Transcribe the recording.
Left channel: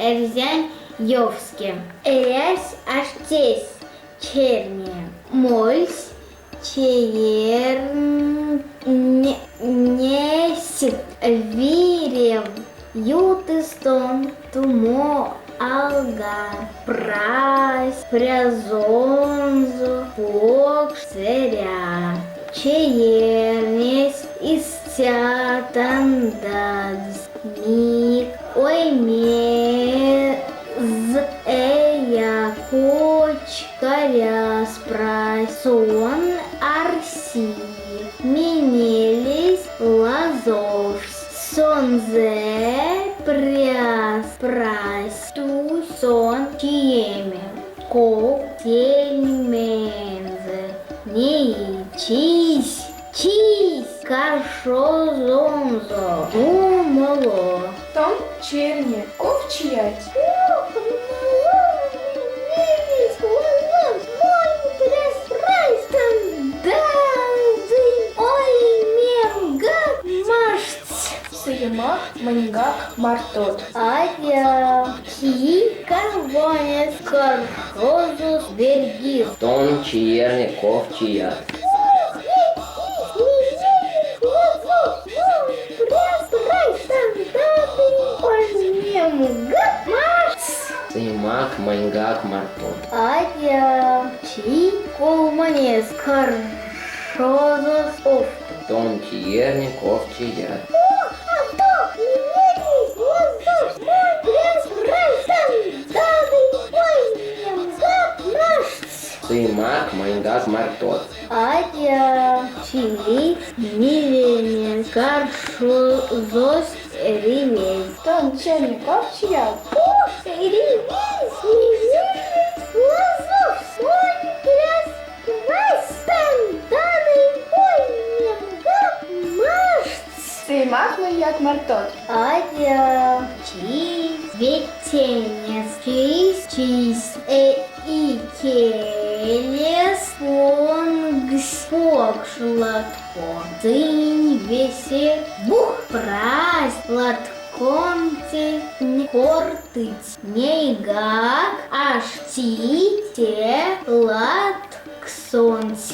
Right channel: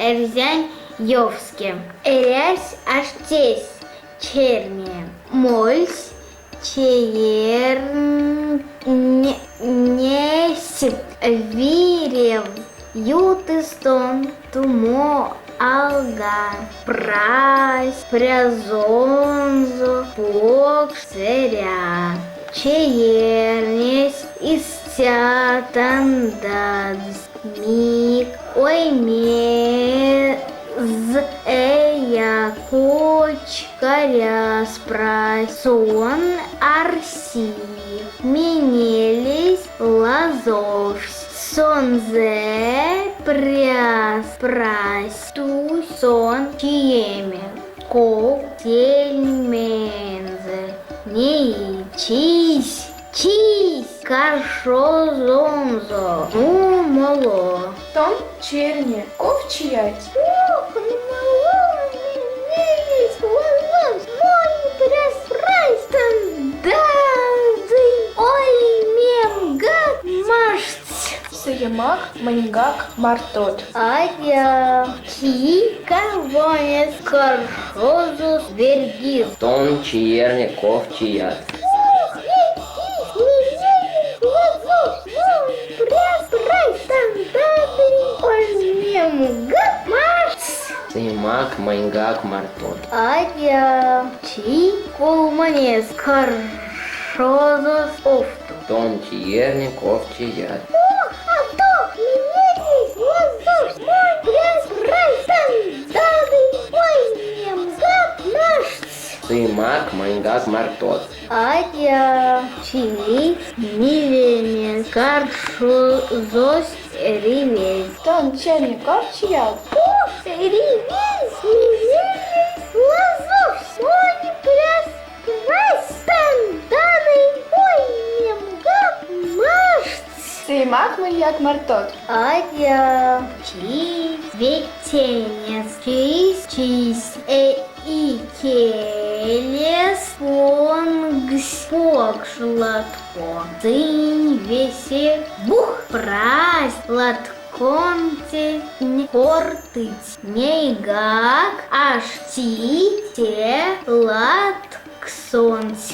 Эрзянь Йовске. Эрясь Аштесь Черне. Мольс Чеернесит. Вирев Ютыстон Тумо Алга. Прась Прязонзо Покш Церя. Чеернес Истятандадс. Мик оймез кочкаря спрасон арси. Менелись лазовс. Сонзе пряс ту сон чиеме. Ко тельмензе. Не чись. Каршозонзо. Умоло. Том черне, ковчиять. Сыемак, маньгак, мартот. Адя чи карвонес каршозус вергил. Том чиерне ковчият. Сыемак, маньгак, мартот. Адя чи колманес каршозус офту. Том чиерне ковчият. Сыемак, маньгак, мартот. Адя чи миленес каршозус ривей. Том черне, ковчият. Сыемак, маньяк, мартот. Адя чи ветенес чис икелес покшлатко. Цинь весе бух прась латконте кортыц. Нейгак ашти те латксонс.